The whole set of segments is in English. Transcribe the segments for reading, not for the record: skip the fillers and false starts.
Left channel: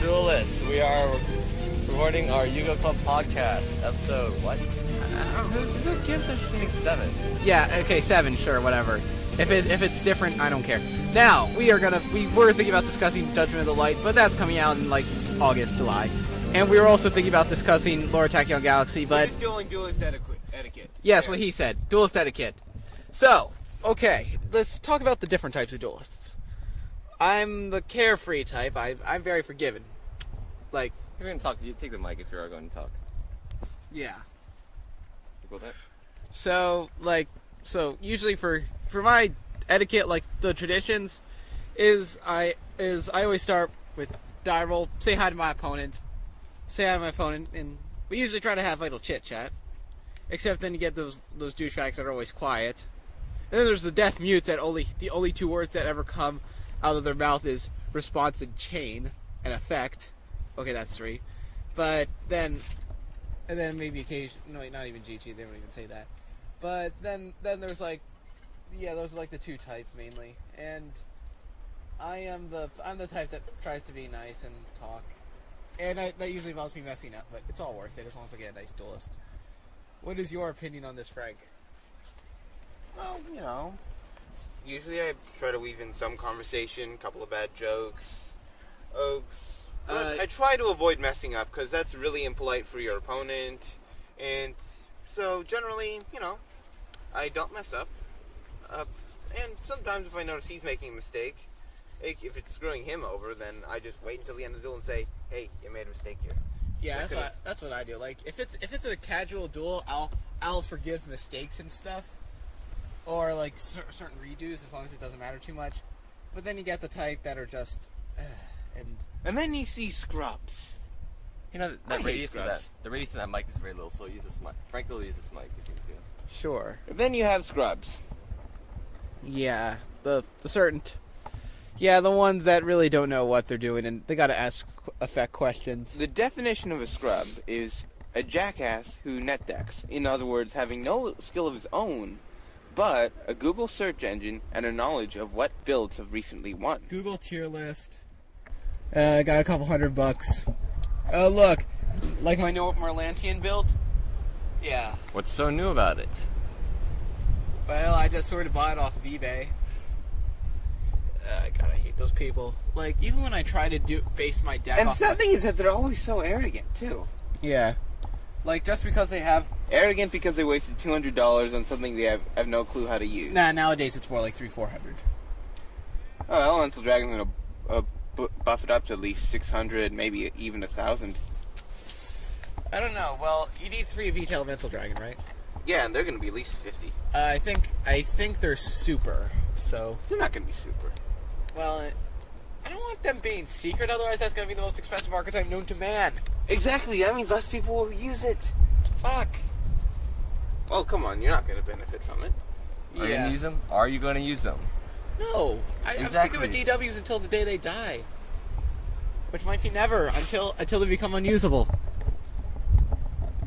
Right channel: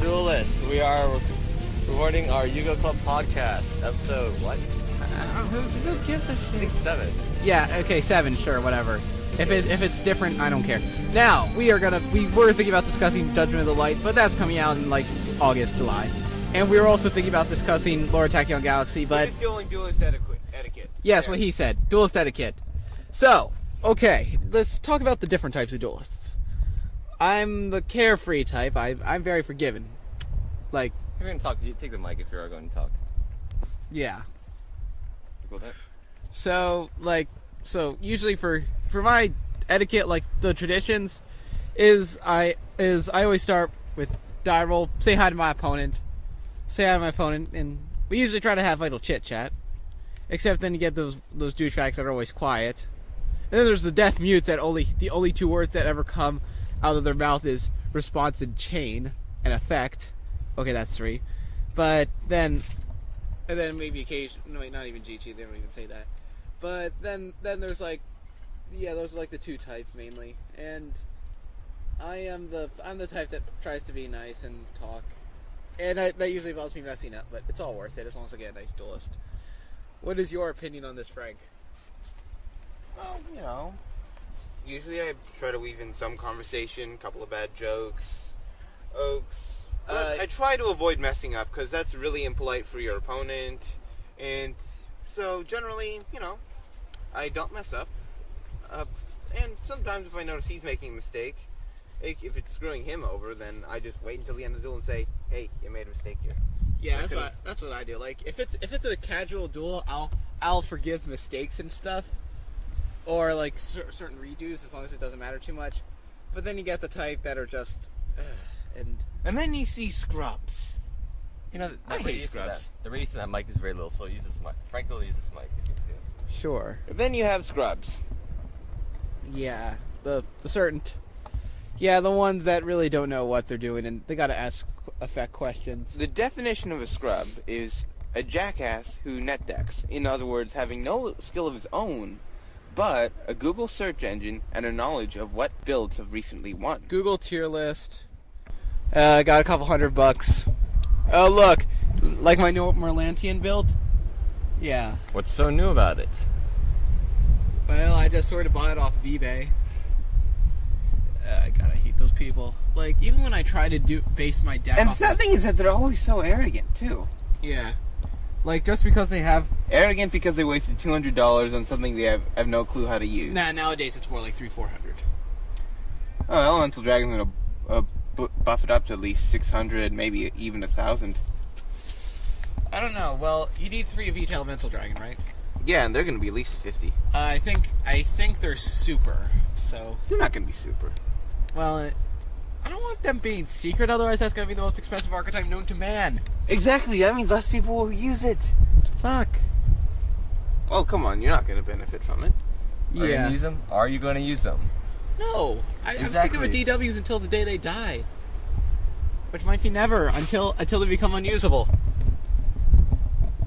Duelists. We are recording our Yu-Gi-Oh! Club podcast, episode, what? Who gives a shit? I think 7. Yeah, okay, 7, sure, whatever. If it's different, I don't care. Now, we were thinking about discussing Judgment of the Light, but that's coming out in, like, August, July. And we were also thinking about discussing Lore Attack on Galaxy, but... He's doing Duelist Etiquette. Yes, what he said. Duelist Etiquette. So, okay, let's talk about the different types of duelists. I'm the carefree type. I'm very forgiving. Like... If you're going to talk, you take the mic if you're going to talk. Yeah. You go with that? So usually for my etiquette, like the traditions, is I always start with die roll, say hi to my opponent, and we usually try to have a little chit chat. Except then you get those douchebags that are always quiet. And then there's the death mutes that the only 2 words that ever come out of their mouth is response and chain and effect. Okay, that's 3. But then maybe occasion. No, wait, not even GG. They don't even say that. But then there's like, yeah, those are like the 2 types mainly. And I'm the type that tries to be nice and talk. And that usually involves me messing up, but it's all worth it as long as I get a nice duelist. What is your opinion on this, Frank? Well, usually I try to weave in some conversation, a couple of bad jokes. I try to avoid messing up, because that's really impolite for your opponent. And so, generally, I don't mess up. And sometimes if I notice he's making a mistake, if it's screwing him over, then I just wait until the end of the duel and say, hey, you made a mistake here. Yeah, that's what I do. Like, if it's a casual duel, I'll forgive mistakes and stuff, or like certain redos as long as it doesn't matter too much. But then you get the type that are just, and then you see scrubs. You know, the radius of that mic is very little, so use this mic. Frank will use this mic if you can see it. Sure. And then you have scrubs. Yeah, the ones that really don't know what they're doing, and they gotta ask effect questions. The definition of a scrub is a jackass who net decks. In other words, having no skill of his own, but a Google search engine and a knowledge of what builds have recently won. Google tier list. Got a couple $100. Oh, look, like my new Merlantian build? Yeah. What's so new about it? Well, I just sort of bought it off of eBay. God, I hate those people. Like, even when I try to base my deck and off... And the sad thing is that they're always so arrogant, too. Yeah. Like, just because they have... Arrogant because they wasted $200 on something they have no clue how to use. Nah, nowadays it's more like $300-400. Oh, Elemental Dragon's gonna buff it up to at least 600, maybe even 1,000. I don't know. Well, you need 3 of each Elemental Dragon, right? Yeah, and they're gonna be at least 50. I think they're super, so... They're not gonna be super. Well, I don't want them being secret, otherwise that's gonna be the most expensive archetype known to man. Exactly, that means less people will use it. Fuck. Oh, come on, you're not gonna benefit from it. Are you gonna use them? Are you gonna use them? No. I'm sticking with DWs until the day they die. Which might be never, until they become unusable.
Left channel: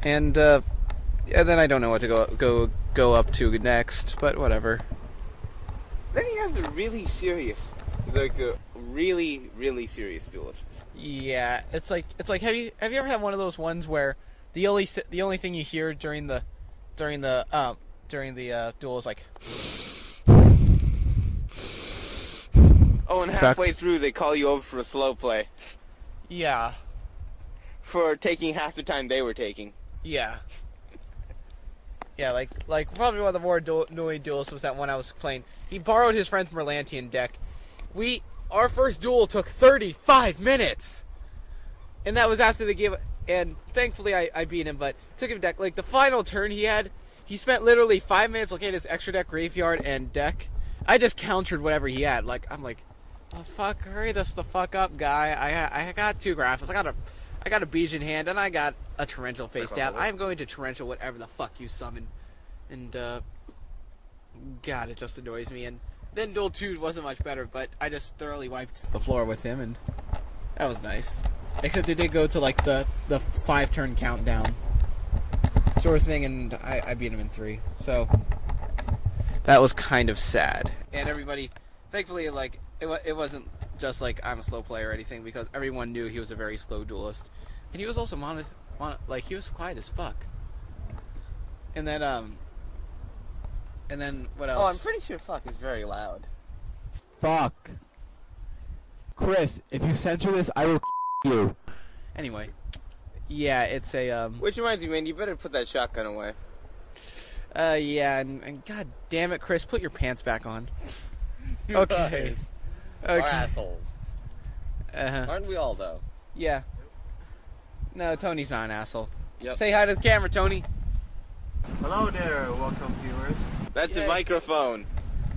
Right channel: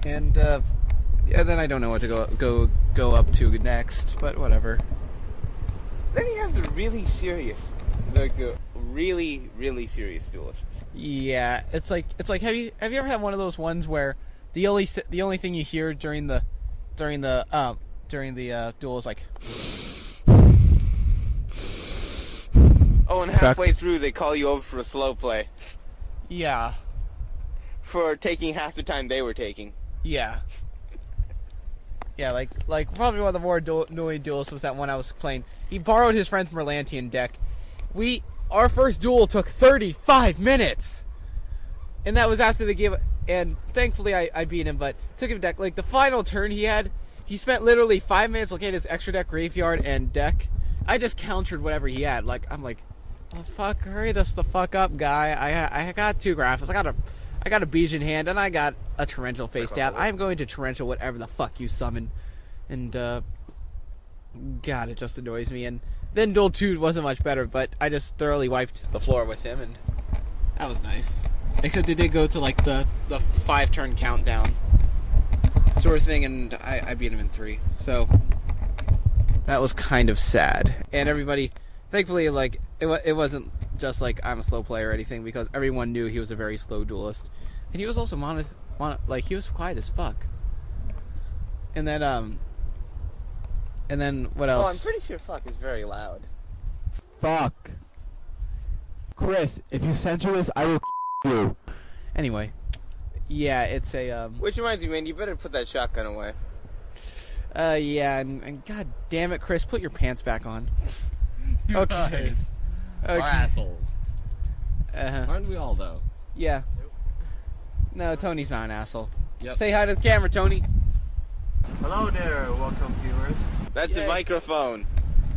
And, yeah, then I don't know what to go up to next, but whatever. Then you have the really serious, like the really, really serious duelists. Yeah, it's like have you ever had one of those ones where the only thing you hear during the duel is like... Oh, and halfway through they call you over for a slow play. Yeah. For taking half the time they were taking. Yeah. Yeah, like probably one of the more annoying duels was that one I was playing. He borrowed his friend's Merlantian deck. Our first duel took 35 minutes! And that was after the game, and thankfully I beat him, but took him deck. Like, the final turn he spent literally 5 minutes looking at his extra deck, graveyard, and deck. I just countered whatever he had. Like, I'm like, oh, fuck, hurry us the fuck up, guy. I got 2 graphics. I got a Bijan hand, and I got a Torrential face down. I'm going to Torrential whatever the fuck you summon. And, God, it just annoys me. And then Duel 2 wasn't much better, but I just thoroughly wiped the floor with him, and that was nice. Except it did go to, like, the 5-turn countdown sort of thing, and I beat him in 3. So, that was kind of sad. And everybody, thankfully, like, it wasn't just like I'm a slow player or anything, because everyone knew he was a very slow duelist, and he was also he was quiet as fuck. And then what else? Oh, I'm pretty sure fuck is very loud. Fuck. Chris, if you censor this, I will you. Anyway, yeah, it's a Which reminds me, man, you better put that shotgun away. Yeah, and god damn it, Chris, put your pants back on. Okay. We're assholes. Uh-huh. Aren't we all, though? Yeah. No, Tony's not an asshole. Yep. Say hi to the camera, Tony. Hello there, welcome viewers. That's Yay. a microphone.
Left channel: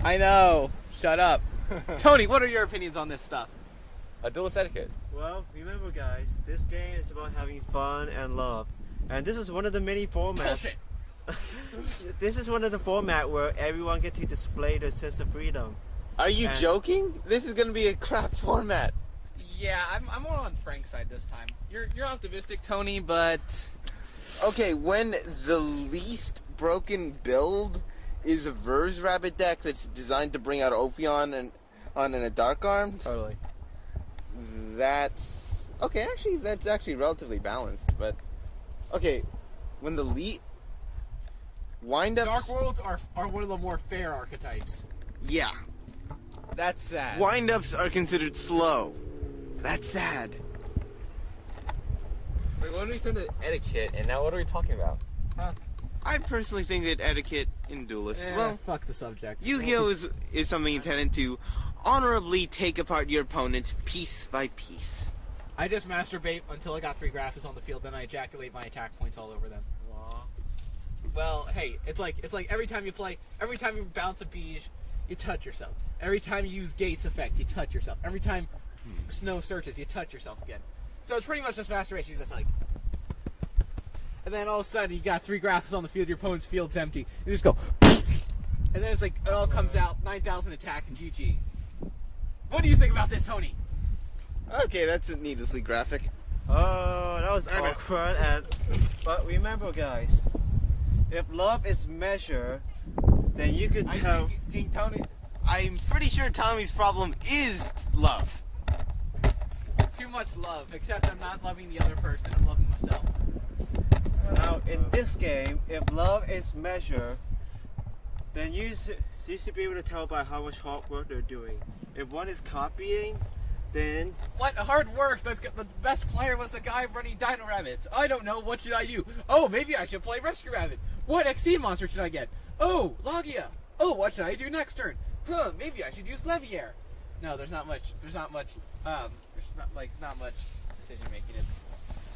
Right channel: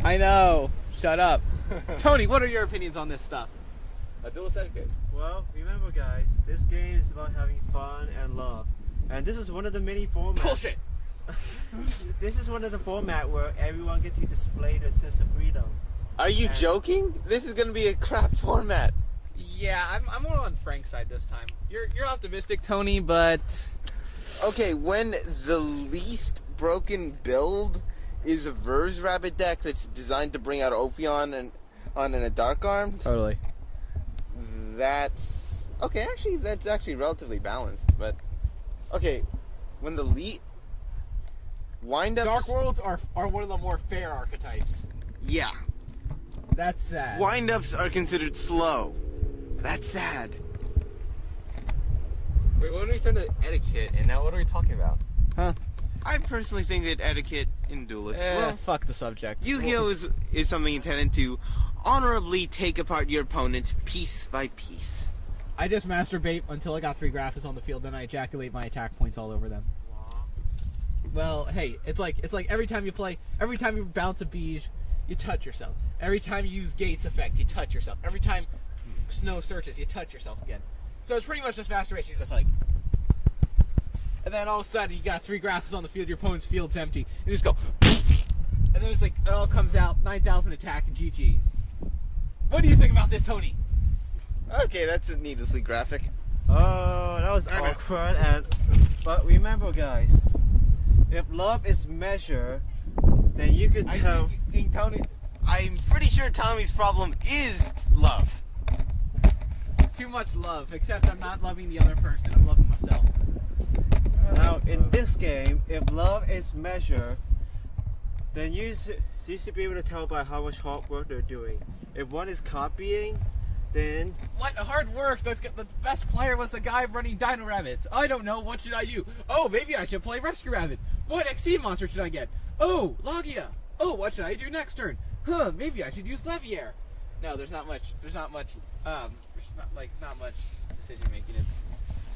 I know. Shut up. Tony, what are your opinions on this stuff? Duelist Etiquette. Well, remember guys, this game is about having fun and love. And this is one of the many formats. Bullshit. This is one of the formats where everyone gets to display their sense of freedom. Are you joking? This is gonna be a crap format. Yeah, I'm more on Frank's side this time. You're optimistic, Tony, but Okay, when the least broken build is a Verse Rabbit deck that's designed to bring out Ophion and a Dark Armed, totally. that's okay. Actually, that's actually relatively balanced. But okay, when the windups, Dark Worlds are one of the more fair archetypes. yeah, That's sad. windups are considered slow. That's sad. Wait, when we started etiquette, and now what are we talking about? Huh? I personally think that etiquette in Duelist, well, fuck the subject. Yu-Gi-Oh is something intended to honorably take apart your opponent piece by piece. I just masturbate until I got 3 graphics on the field, then I ejaculate my attack points all over them. Well, hey, it's like every time you bounce a Beige, you touch yourself. Every time you use Gates effect, you touch yourself. Every time Snow searches, you touch yourself again. So it's pretty much just masturbation. You're just like, and then all of a sudden you got 3 graphics on the field. Your opponent's field's empty. You just go, and then it's like it all comes out 9,000 attack and GG. What do you think about this, Tony? Okay, that's needlessly graphic. Oh, that was awkward. But remember guys, if love is measured, then you could tell. I think Tony, I'm pretty sure Tommy's problem is love. Too much love, except I'm not loving the other person. I'm loving myself. Now, in this game, if love is measured, then you should be able to tell by how much hard work they're doing. If one is copying, then... What hard work? The best player was the guy running Dino Rabbits. I don't know. What should I do? Oh, maybe I should play Rescue Rabbit. What XC monster should I get? Oh, Logia. Oh, what should I do next turn? Huh, maybe I should use Leviair. No, there's not much decision making. It's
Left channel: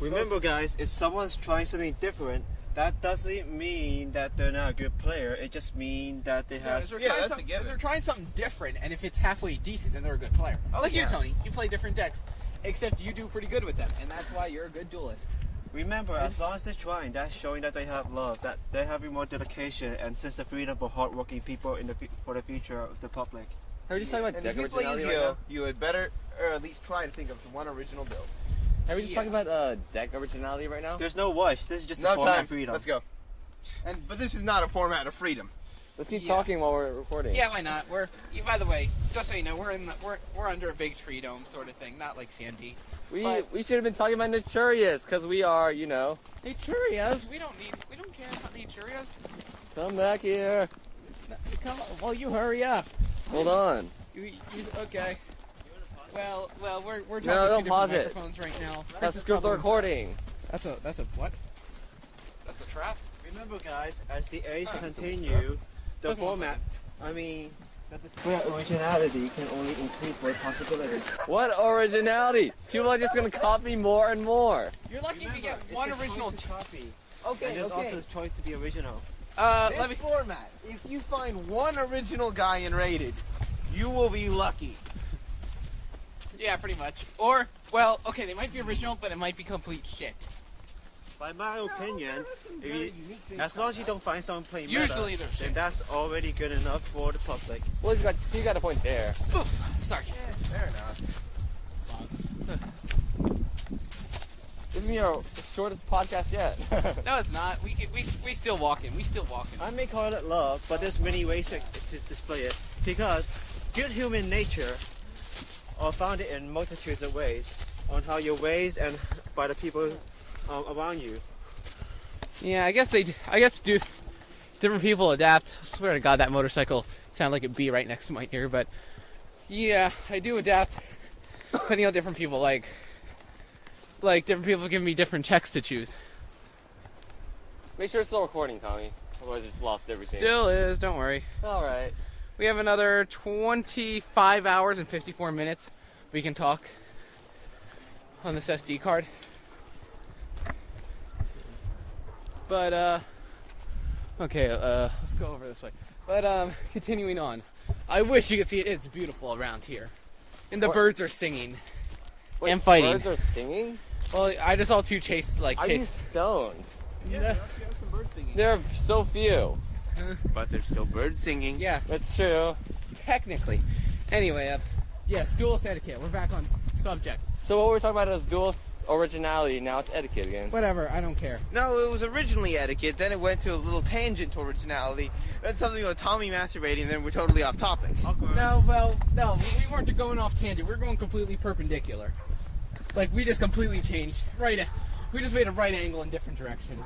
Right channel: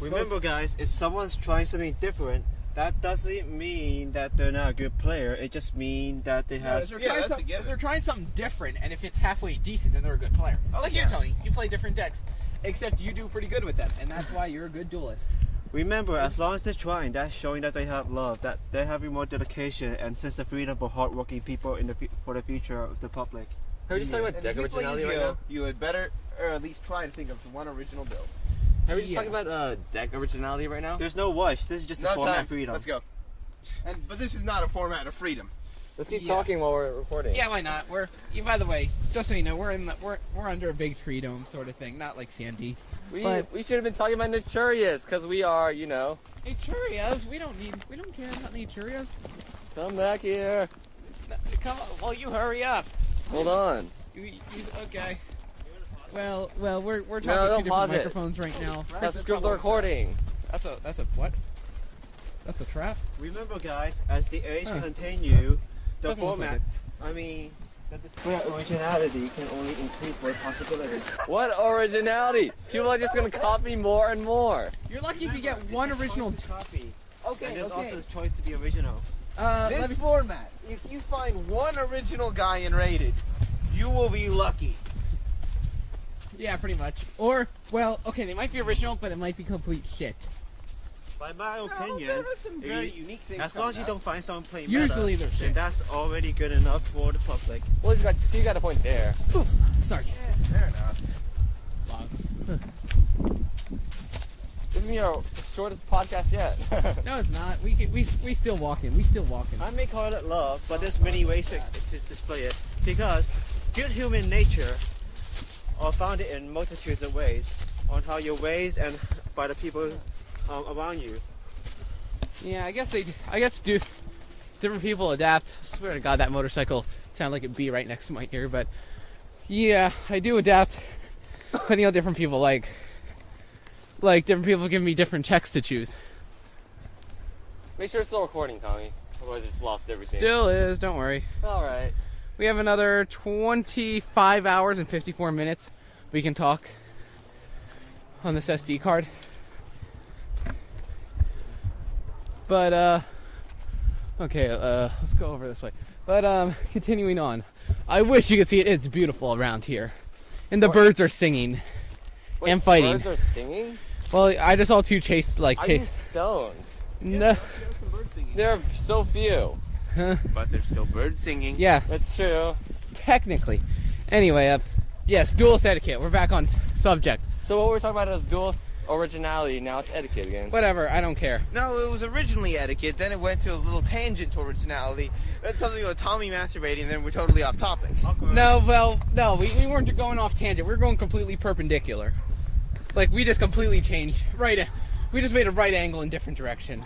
remember guys, if someone's trying something different, that doesn't mean that they're not a good player. It just means that they have... if they're trying something different, and if it's halfway decent, then they're a good player. Like you, Tony. You play different decks, except you do pretty good with them, and that's why you're a good duelist. Remember, as long as they're trying, that's showing that they have love, that they're having more dedication and sense of freedom for hardworking people for the future of the public. Are we just talking about deck originality right now? You had better, or at least try to think of one original build. Are we just talking about deck originality right now? There's no rush. This is just a format of freedom. Let's go. But this is not a format of freedom. Let's keep talking while we're recording. Yeah, why not? By the way, just so you know, we're under a big tree dome sort of thing, not like Sandy. We should have been talking about Naturius, because we are, you know. Naturias? We don't care about Naturias. Come back here. No, come on, well, you hurry up. Hold on. Okay. Well, we're talking No, two different microphones right now. Let's skip the recording. That's a what? That's a trap? Remember guys, as the age continue, the format, that display of originality can only increase by possibilities. What originality? People are just going to copy more and more. You're lucky if you get one original copy. Okay, and there's also the choice to be original. This format, if you find one original guy in Rated, you will be lucky. Yeah, pretty much. Or, well, okay, they might be original, but it might be complete shit. By my opinion, as long as you don't find someone playing usually meta, they're shit. then that's already good enough for the public. Well, you got a point there. Oof, sorry. Yeah, fair enough. Bugs. This is our shortest podcast yet. No, it's not. We still walking. We still walking. I may call it love, but there's many ways to display it. Because good human nature are founded in multitudes of ways on how you're raised and by the people around you. Yeah, I guess different people adapt. I swear to God, that motorcycle sounded like it'd be right next to my ear, but yeah, I do adapt depending on different people. Like different people give me different texts to choose. Make sure it's still recording, Tommy. Otherwise, I just lost everything. Still is, don't worry. All right. We have another 25 hours and 54 minutes we can talk on this SD card. But, okay, let's go over this way. But, continuing on. I wish you could see it. It's beautiful around here. And the birds are singing. Wait, and fighting. Birds are singing? Well, I just saw two chase. Are you stoned? No. There are so few. But there's still birds singing. Yeah. That's true. Technically. Anyway, yes, Duelist Etiquette. We're back on subject. So what we're talking about is Duelist Originality. Now it's Etiquette again. Whatever, I don't care. No, it was originally etiquette, then it went to a little tangent to originality, then something about Tommy masturbating, and then we're totally off topic. No, well, no, we weren't going off tangent. We were going completely perpendicular. Like, we just completely changed. We just made a right angle in different direction.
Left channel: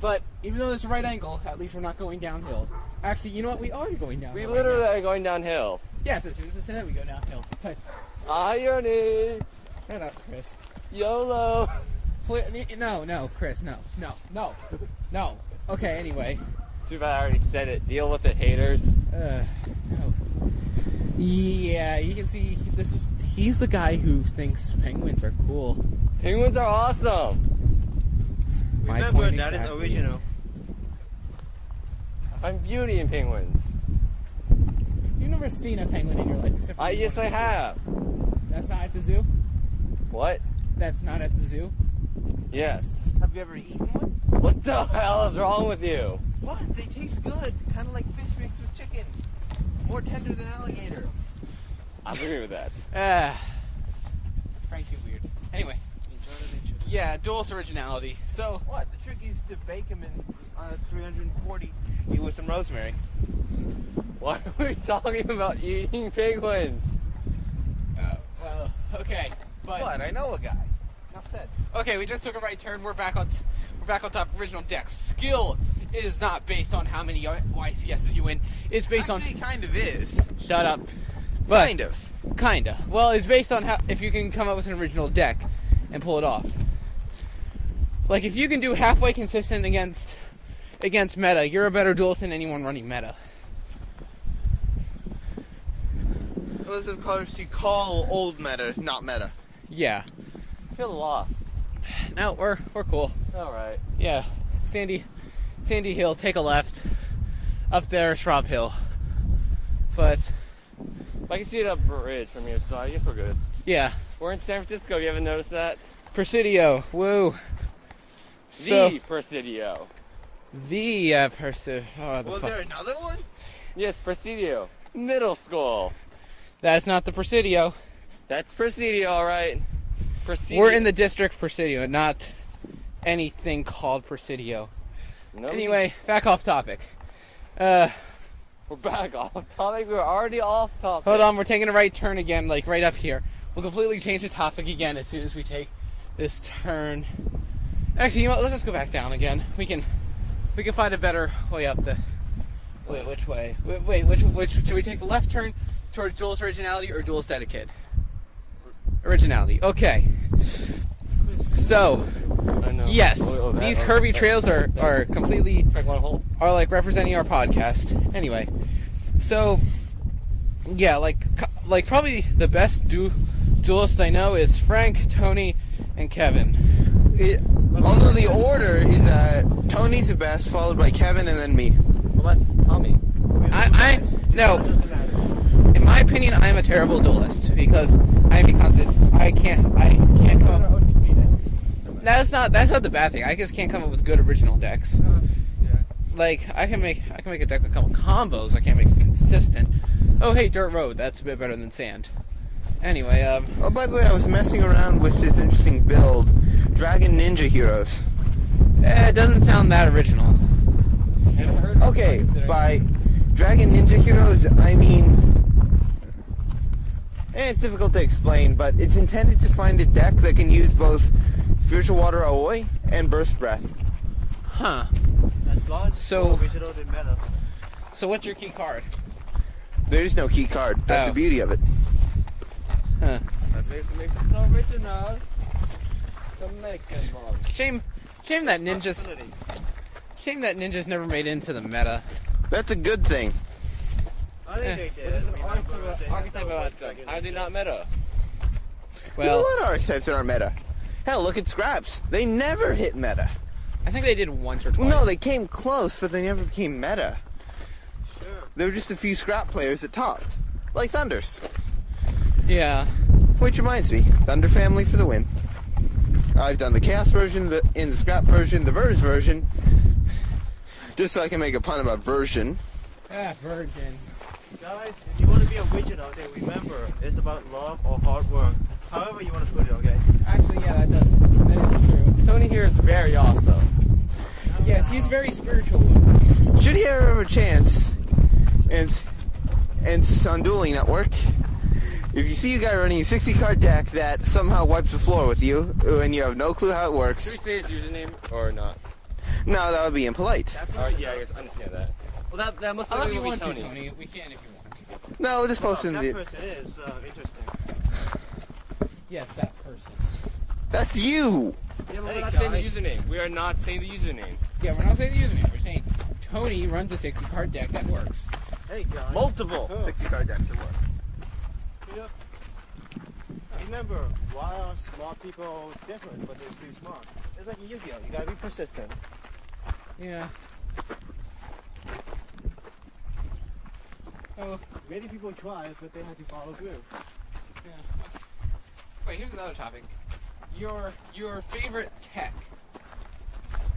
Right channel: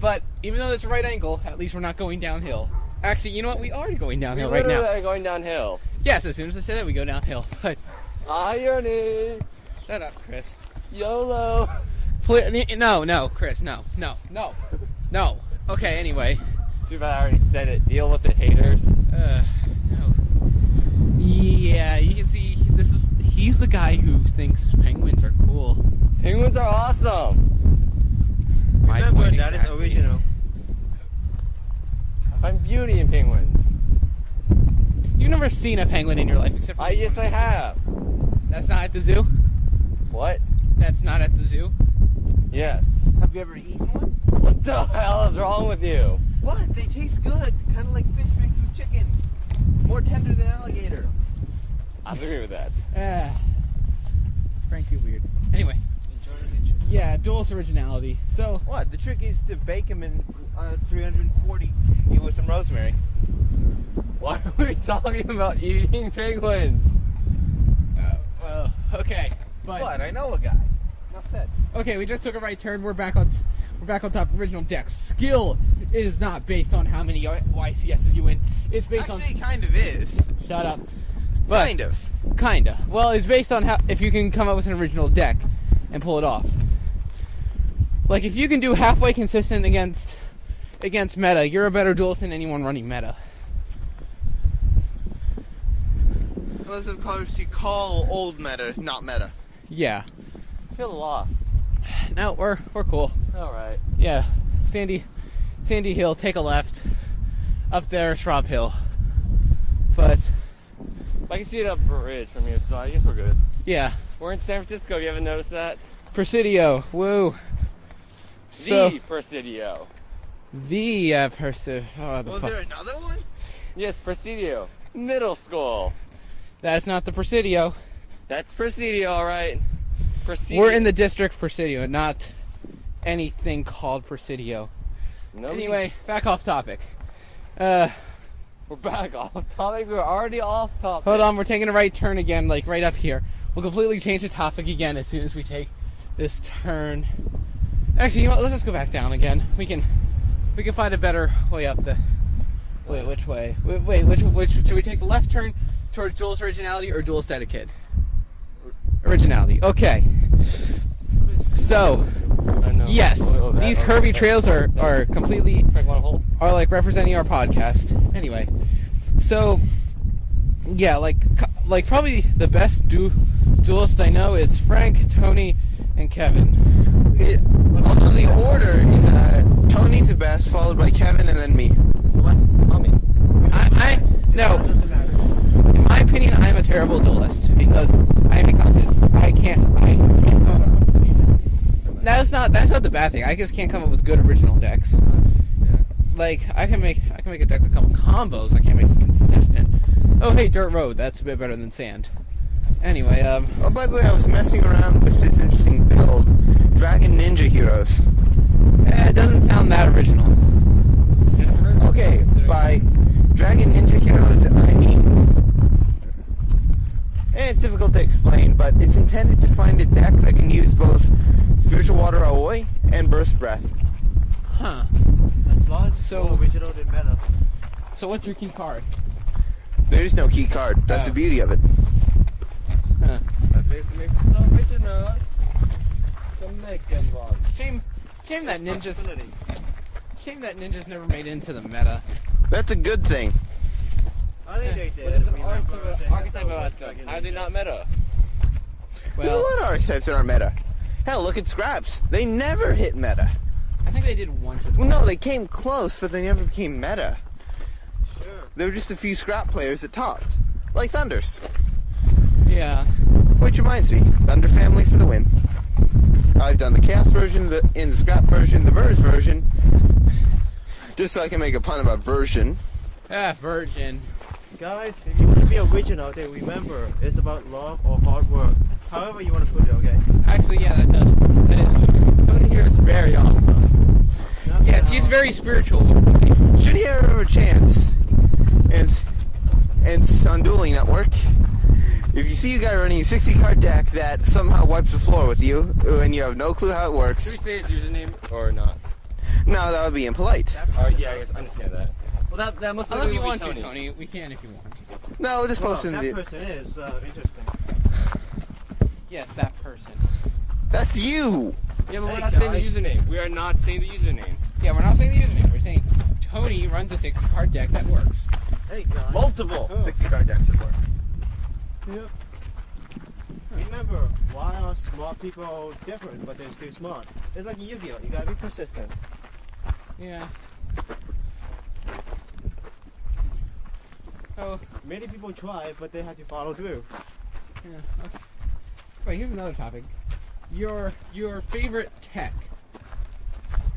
But even though it's a right angle, at least we're not going downhill. Actually, you know what? We are going downhill right now. We literally are going downhill. Yes, as soon as I say that, we go downhill. But irony. Shut up, Chris. YOLO. No, Chris, no. Okay, anyway. Too bad I already said it. Deal with it, haters. No. Yeah, you can see he's the guy who thinks penguins are cool. Penguins are awesome. Remember, that is original. I find beauty in penguins. You've never seen a penguin in your life except for Yes, I have. That's not at the zoo? What? That's not at the zoo? Yes. Have you ever eaten one? What the hell is wrong with you? What? They taste good. Kind of like fish mixed with chicken. More tender than alligator. I agree with that. Frank, you're weird. Anyway. Yeah, Duelist Originality. So what? The trick is to bake them in 340 with some rosemary. Why are we talking about eating penguins? Well, okay, but What? I know a guy. Enough said. Okay, we just took a right turn. We're back on top. Original deck. Skill is not based on how many YCSs you win. It's based Actually, it kind of is. Shut up. But, Kinda. Well, it's based on if you can come up with an original deck and pull it off. Like, if you can do halfway consistent against meta, you're a better duelist than anyone running meta. Those of course you call old meta, not meta. Yeah. I feel lost. No, we're cool. All right. Yeah. Sandy Hill, take a left. Up there, Schwab Hill. But I can see it up bridge from here, so I guess we're good. yeah. We're in San Francisco. You haven't noticed that? Presidio. Woo. The Presidio. Was there another one? Yes, Presidio. Middle school. That's not the Presidio. That's Presidio, all right. Presidio. We're in the district Presidio, not anything called Presidio. No, Anyway, back off topic. we're back off topic. We're already off topic. Hold on, we're taking a right turn again, like right up here. We'll completely change the topic again as soon as we take this turn. Actually, you know what? Let's just go back down again. We can find a better way up the. Wait, which way? Wait, which should we take the left turn towards Duelist Originality or Duelist Etiquette? Originality. Okay. So, I know. yes, these curvy trails are completely are like representing our podcast. Anyway, so yeah, like probably the best duelist I know is Frank, Tony, and Kevin. Although the order is Tony's the best, followed by Kevin, and then me. What? Tommy. No. In my opinion, I'm a terrible duelist because I can't come up. That's not the bad thing. I just can't come up with good original decks. Yeah. Like I can make a deck with a couple combos. I can't make it consistent. Oh hey, dirt road. That's a bit better than sand. Anyway, Oh, by the way, I was messing around with this interesting build, Dragon Ninja Heroes. it doesn't sound that original. Okay, by Dragon Ninja Heroes, I mean And it's difficult to explain, but it's intended to find a deck that can use both Spiritual Water Aoi and Burst Breath. Huh. As long as it's more original than meta. So what's your key card? There's no key card. That's the beauty of it. Huh. That makes it so original. Shame that ninjas never made it into the meta. That's a good thing. I think they did. There's an archetype about them. How are they not meta? There's a lot of archetypes that are meta. Hell, look at Scraps. They never hit meta. I think they did once or twice. Well, no, they came close, but they never became meta. Sure. There were just a few Scrap players that topped. Like Thunders. Yeah. Which reminds me, Thunder Family for the win. I've done the Chaos version, in the Scrap version, the Verse version. Just so I can make a pun about version. Version. Guys, if you want to be original, then remember, it's about love or hard work. However you want to put it, okay? Actually, yeah, that is true. Tony here is very awesome. Yes, he's very spiritual. Should he ever have a chance, and on Dueling Network, if you see a guy running a 60-card deck that somehow wipes the floor with you, and you have no clue how it works... Should we say his username or not? No, that would be impolite. Yeah, I guess I understand that. Well, that must Unless you be want Tony. to, Tony. We can if you want to. No, just post in that the... person is interesting. Yes, that person. That's you! Yeah, but we're Hey, not saying the guys. username. We are not saying the username. Yeah, we're not saying the username. We're saying Tony runs a 60-card deck that works. Hey guys. Multiple Cool. 60-card decks that work. Remember, why are smart people different, but they're still smart? It's like Yu-Gi-Oh! You gotta be persistent. Yeah. Oh. Many people try, but they have to follow through. Yeah. Okay. Wait, here's another topic. Your favorite tech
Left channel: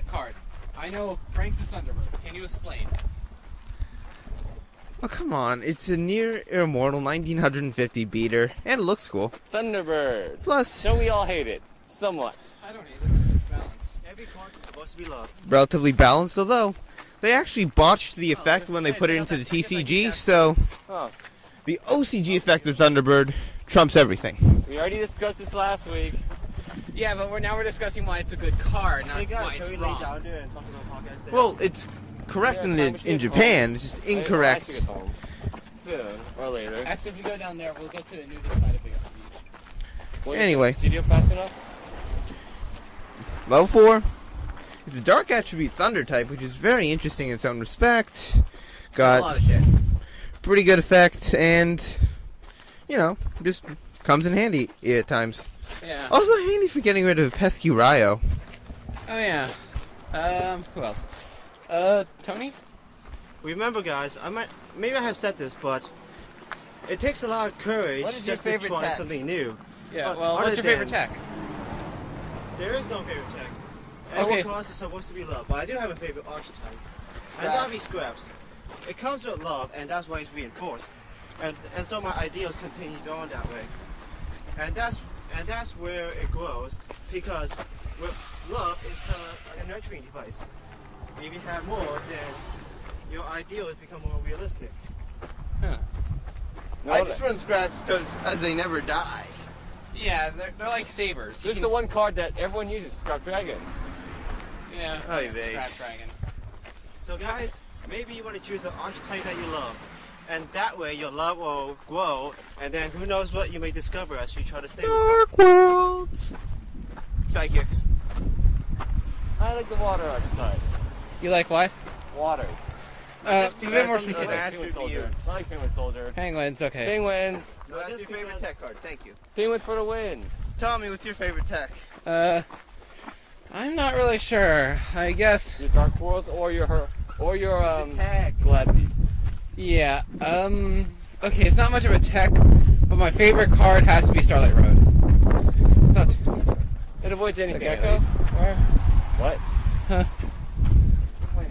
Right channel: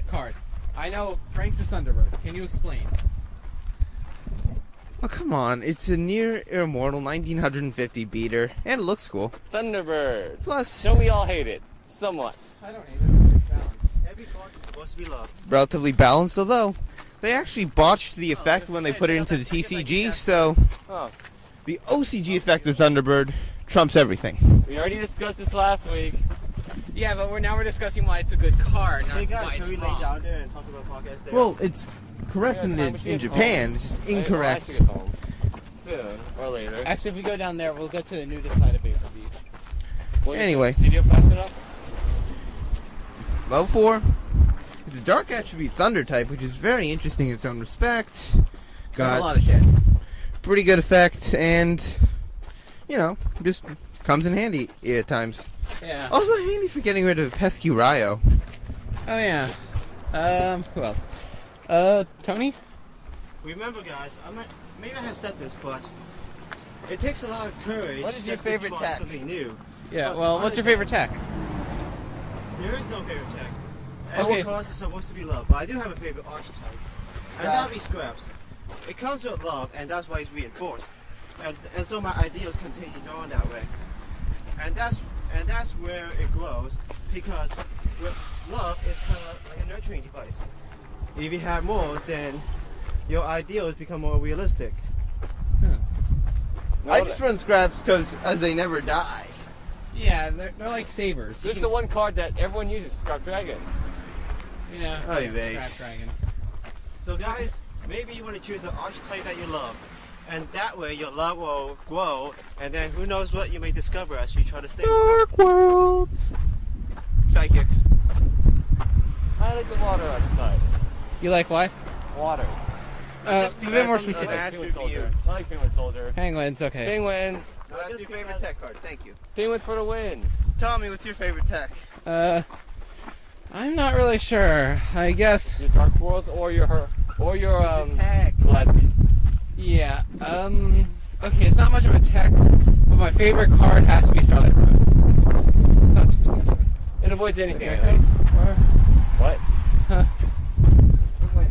card. I know Frank's the Thunderbird. Can you explain? Oh, come on. It's a near immortal 1950 beater, and it looks cool. Thunderbird. Plus, Don't we all hate it? Somewhat. I don't either. Balance. Every card is supposed to be loved. relatively balanced, although they actually botched the effect when they put it into the TCG, so Oh, the OCG effect of Thunderbird trumps everything. we already discussed this last week. Yeah, but we're discussing why it's a good card, not Hey guys, why can it's we lay wrong. down there and talk about podcast there? Well, it's correct Yeah, in time we should in get Japan, it's just I should incorrect. get home soon or later. Actually, if we go down there, we'll get to the nudist side of Beach. Will you Anyway. get the studio fast enough? Level 4. It's a dark attribute thunder type, which is very interesting in its own respect. There's a Got lot of shit. pretty good effect, and just comes in handy at times. Yeah. Also handy for getting rid of pesky Ryo. Oh yeah. Who else? Tony? remember guys, maybe I have said this, but it takes a lot of courage What is your just to favorite try tech? something new. Yeah. But Well, other what's your favorite than- tech? There is no favorite tech. Okay. Every class is supposed to be loved, but I do have a favorite archetype. And that'll be Scraps. It comes with love, and that's why it's reinforced. And so my ideals continue on that way. And that's where it grows, because love is kind of like a nurturing device. If you have more, then your ideals become more realistic. No, I just run Scraps because as they never die. Yeah, they're like sabers. There's the one card that everyone uses, Scrap Dragon. Yeah. Oy Yeah, vey. Scrap Dragon. So guys, maybe you want to choose an archetype that you love. And that way your love will grow, and then who knows what you may discover as you try to stay with it. Dark Worlds. Psychics. I like the water archetype. You like what? Water. A bit more because specific. of that- Penguin Soldier. I like Penguin Soldier. Penguins, okay. Penguins. No, that's your favorite tech card. Thank you. Penguins for the win. Tommy, what's your favorite tech? I'm not really sure. I guess. Your Dark Worlds or your Tech. Glad Beast. Yeah. Okay, it's not much of a tech, but my favorite card has to be Starlight Road. Not too. It avoids anything at Gecko? least. Or- What? Huh.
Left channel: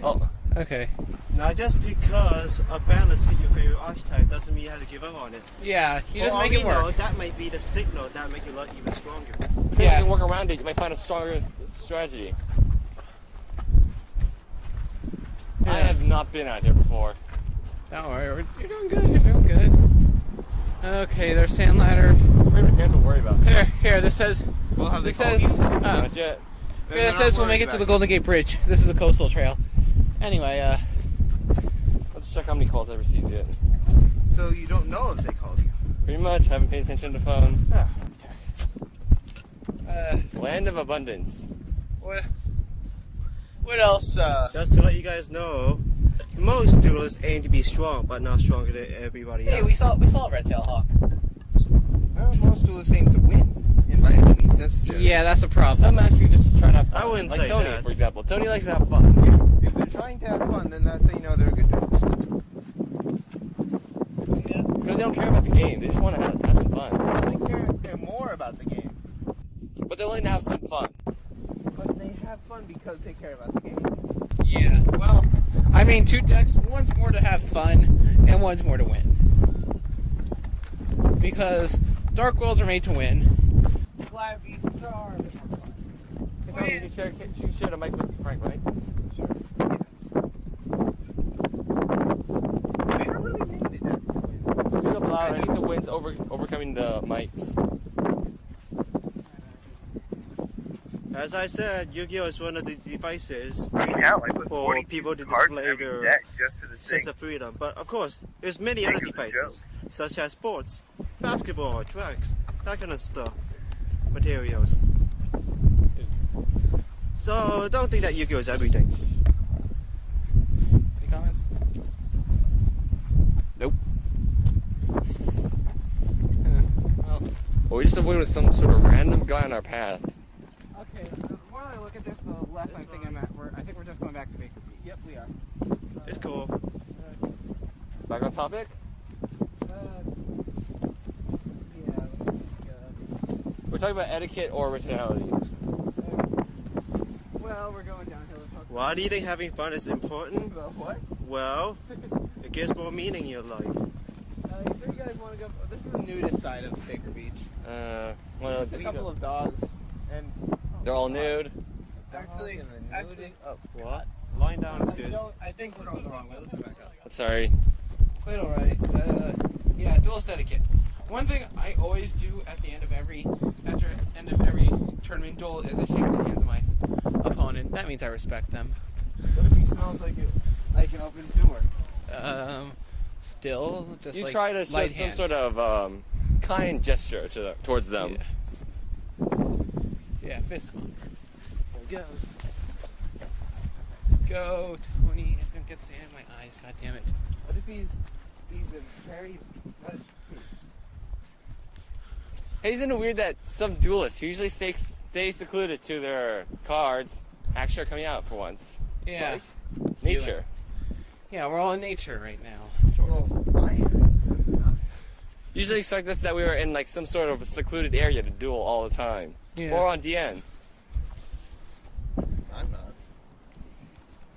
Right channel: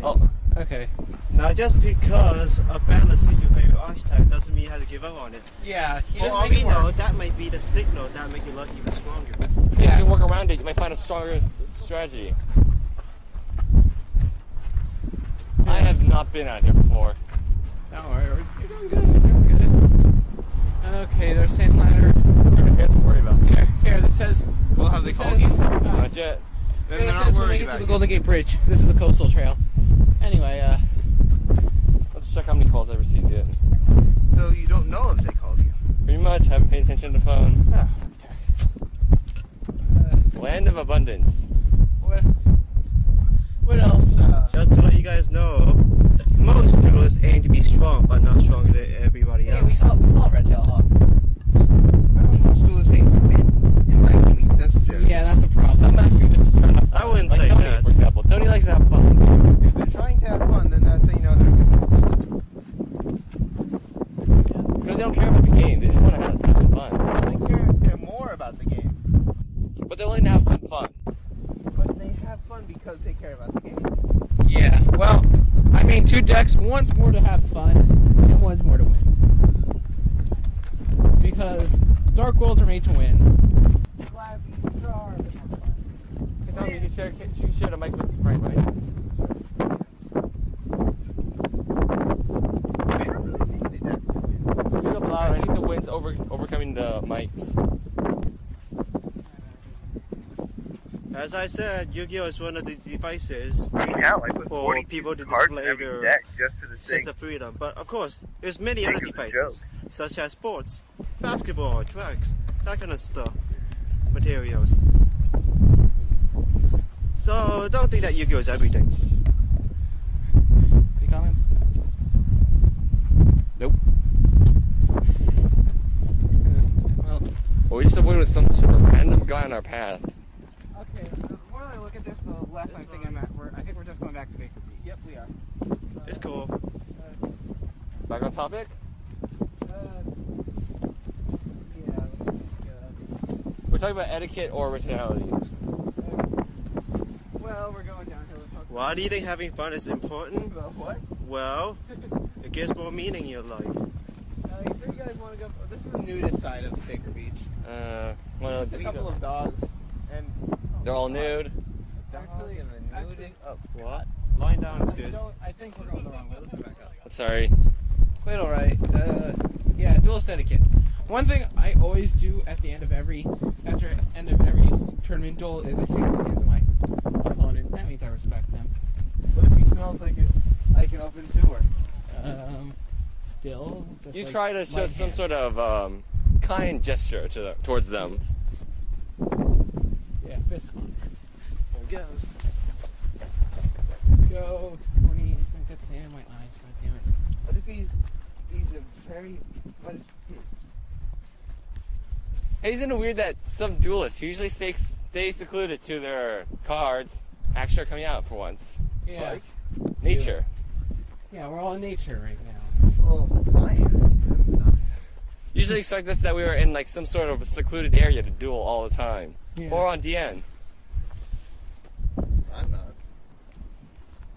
Oh. Okay. Now just because a balance hit your favorite archetype doesn't mean you have to give up on it. Yeah, he For doesn't all make we it know, work. that might be the signal that make your luck even stronger. If Yeah. you can work around it, you might find a stronger strategy. I have not been out here before. Don't worry, you're doing good. You're doing good. Okay, there's sand ladder. My parents will worry about. Here, this says. Well, have they It called says, you? Not yet. it says we'll make it to the Golden Gate Bridge. This is the coastal trail. Anyway, Let's check how many calls I received yet. So you don't know if they called you? Pretty much. Haven't paid attention to the phone. Oh. Land of abundance. What else? Just to let you guys know, most duelists aim to be strong, but not stronger than everybody else. Hey, we saw a red-tailed hawk. Most duelists aim to win, and by any means necessary. Yeah, that's a problem. Some actually just try to have fun. I wouldn't like say Tony, that. for example. Tony likes to have fun. If they're trying to have fun, then that's how you know they're a good duelist. Because they don't care about the game. They just want to have some fun. They care more about the game. But they're willing to have some fun. But they have fun because they care about the game. Yeah, well, I mean, 2 decks. One's more to have fun, and one's more to win. Because Dark Worlds are made to win. Goliath Beasts are a bit more fun. Hey, Tony, you can share the mic with Frank, right? I don't really need that. Speak up loud. I think the wind's overcoming the mics. As I said, Yu-Gi-Oh is one of the devices Right now, I put for 42 people to cards display in every their deck just for the sense sake. of freedom. But of course, there's many Think other of the devices, such as sports, basketball, tracks, that kind of stuff, materials. So don't think that Yu-Gi-Oh is everything. Any comments? Nope. Well, Well, we just avoided some sort of random guy on our path. okay. The more I look at this, the less I think I'm at. I think we're just going back to Baker Beach. Yep, we are. It's cool. Back on topic? We're talking about etiquette or originality. Well, we're going downhill. Why do you think having fun is important? What? Well, it gives more meaning in your life. You sure you guys want to go? This is the nudist side of Baker Beach. Well, A couple of dogs, and they're all nude. Actually, What? Lying down is good. I think we're going the wrong way. Let's go back up. Sorry. Quite alright. Yeah, duelist etiquette. One thing I always do at the end of every tournament duel is I shake the hands of my opponent. That means I respect them. what if he smells like an open sewer? Still, just You like try to show light some hand. sort of kind gesture towards them. Yeah, fist bump. There it goes. Go, Tony. Don't get sand in my eyes. God damn it. What if he's a very Hey, isn't it weird that some duelists usually stay secluded to their cards actually are coming out for once? Yeah. Nature. Yeah, we're all in nature right now. Sort of. I am. Usually expect us that we were in like some sort of secluded area to duel all the time. Yeah. Or on DN. I'm not.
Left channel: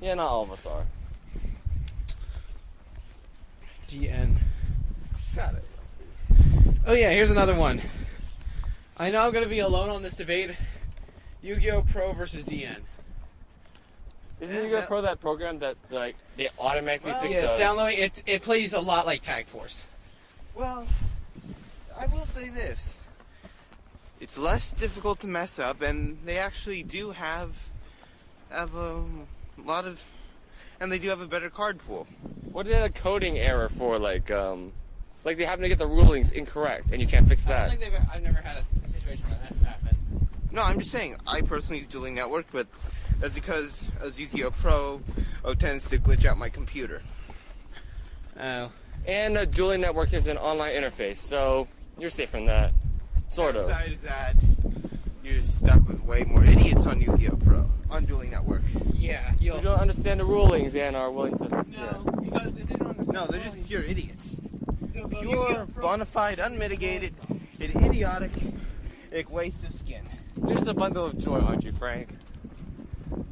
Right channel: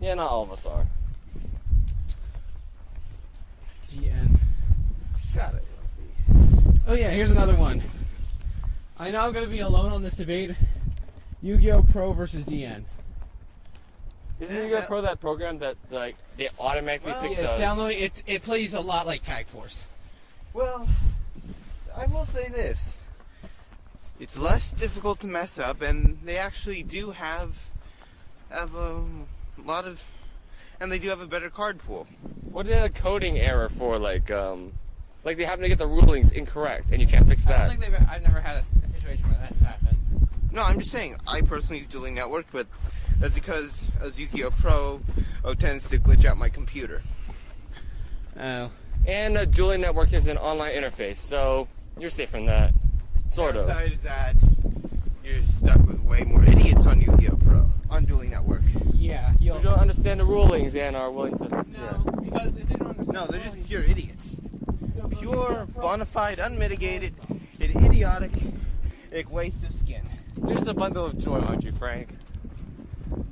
Yeah, not all of us are. GN. Got it. Oh yeah, here's another one. I know I'm gonna be alone on this debate. Yu-Gi-Oh! Pro versus DN. Isn't Yu-Gi-Oh! Pro that program that like they automatically pick Yes, the... downloading it plays a lot like Tag Force. Well, I will say this. It's less difficult to mess up, and they actually do have a lot of... And they do have a better card pool. What is a coding error for like they happen to get the rulings incorrect and you can't fix I don't that? think I've never had a situation where that's happened. No, I'm just saying, I personally use Dueling Network, but that's because as Yu-Gi-Oh! Pro tends to glitch out my computer. Oh. And a dueling network is an online interface, so you're safe from that. Sort of. Besides that, you're stuck with way more idiots on Yu-Gi-Oh! Pro, on Dueling Network. Yeah, You don't understand the rulings and are willing to... No, because if they don't understand No, they're just pure idiots. Yu-Gi-Oh! Pure, Pro- bona fide, unmitigated, idiotic waste of skin. You're just a bundle of joy, aren't you, Frank?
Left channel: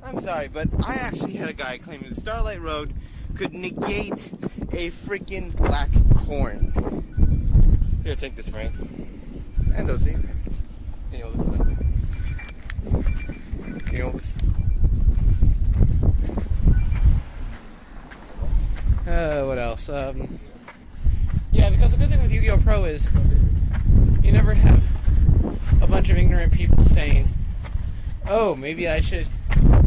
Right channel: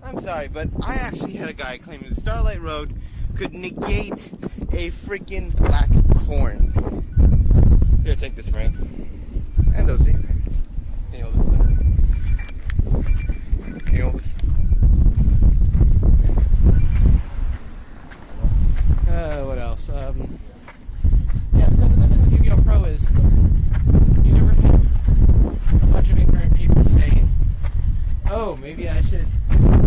I'm sorry, but I actually had a guy claiming the Starlight Road could negate a freaking black corn. Here, take this, Frank. And those earrings. You know, listen. You know, what else? Yeah, because the good thing with Yu-Gi-Oh! Pro is you never have a bunch of ignorant people saying, oh, maybe I should,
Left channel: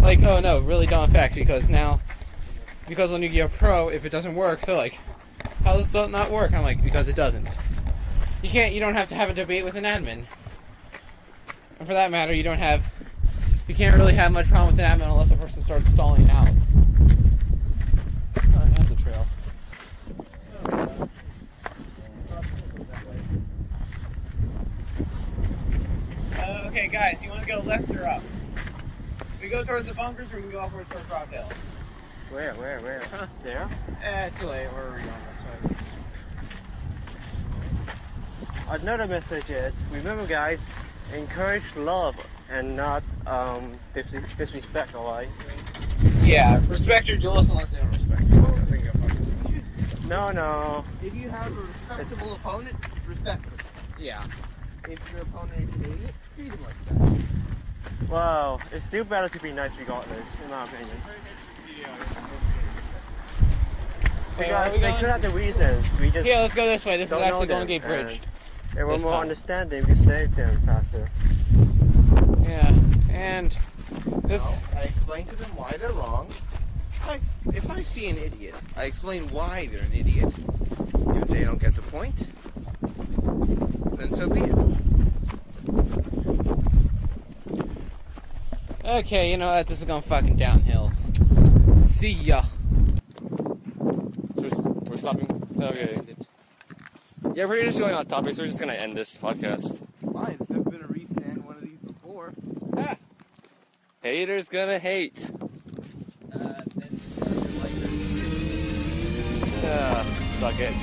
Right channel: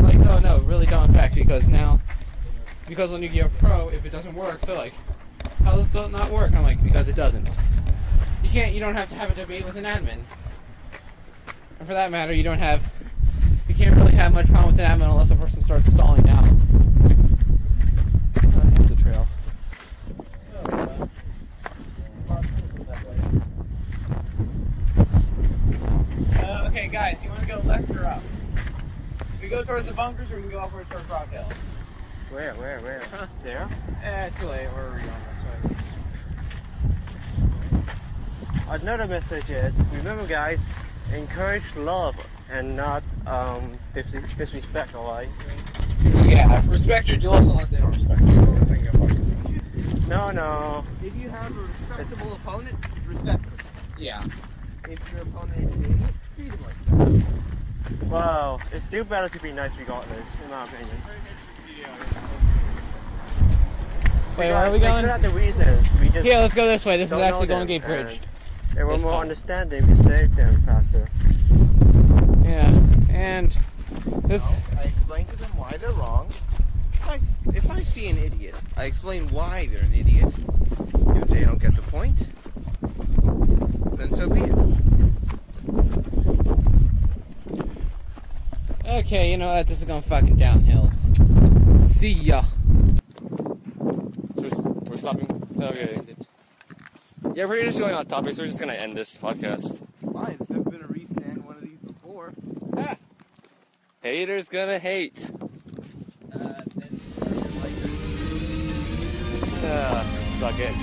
like, oh no, really dumb fact, because on Yu-Gi-Oh! Pro, if it doesn't work, they're like, how does it not work? I'm like, because it doesn't. You don't have to have a debate with an admin. And for that matter, you can't really have much problem with an admin unless a person starts stalling out. Oh, that's the trail. Okay, guys, you want to go left or up? We go towards the bunkers, or we can go upwards towards Rock Hill? Where? Huh? There? Too late. We're already on this way. Another message is, remember guys, encourage love and not disrespect, alright? Yeah, respect your duelists unless they don't respect you. I think you'll fucking see. No. If you have a respectable opponent, respect them. Yeah. If your opponent is an idiot, treat him like that. Well, it's still better to be nice regardless, in my opinion. Wait, where are Because we they going? could have the reasons. We just Yeah, let's go this way. This is don't actually know Golden them, Gate Bridge. and they were this more time. understanding. We saved them faster. Yeah, and this. I explain to them why they're wrong. If I see an idiot, I explain why they're an idiot. If they don't get the point, then so be it. Okay, you know what? This is going fucking downhill. See ya. We're stopping. Okay. Yeah, we're just going on topic, so we're just gonna end this podcast. Why? There's never been a reason to end one of these before. Ah. Haters gonna hate. Then Suck it.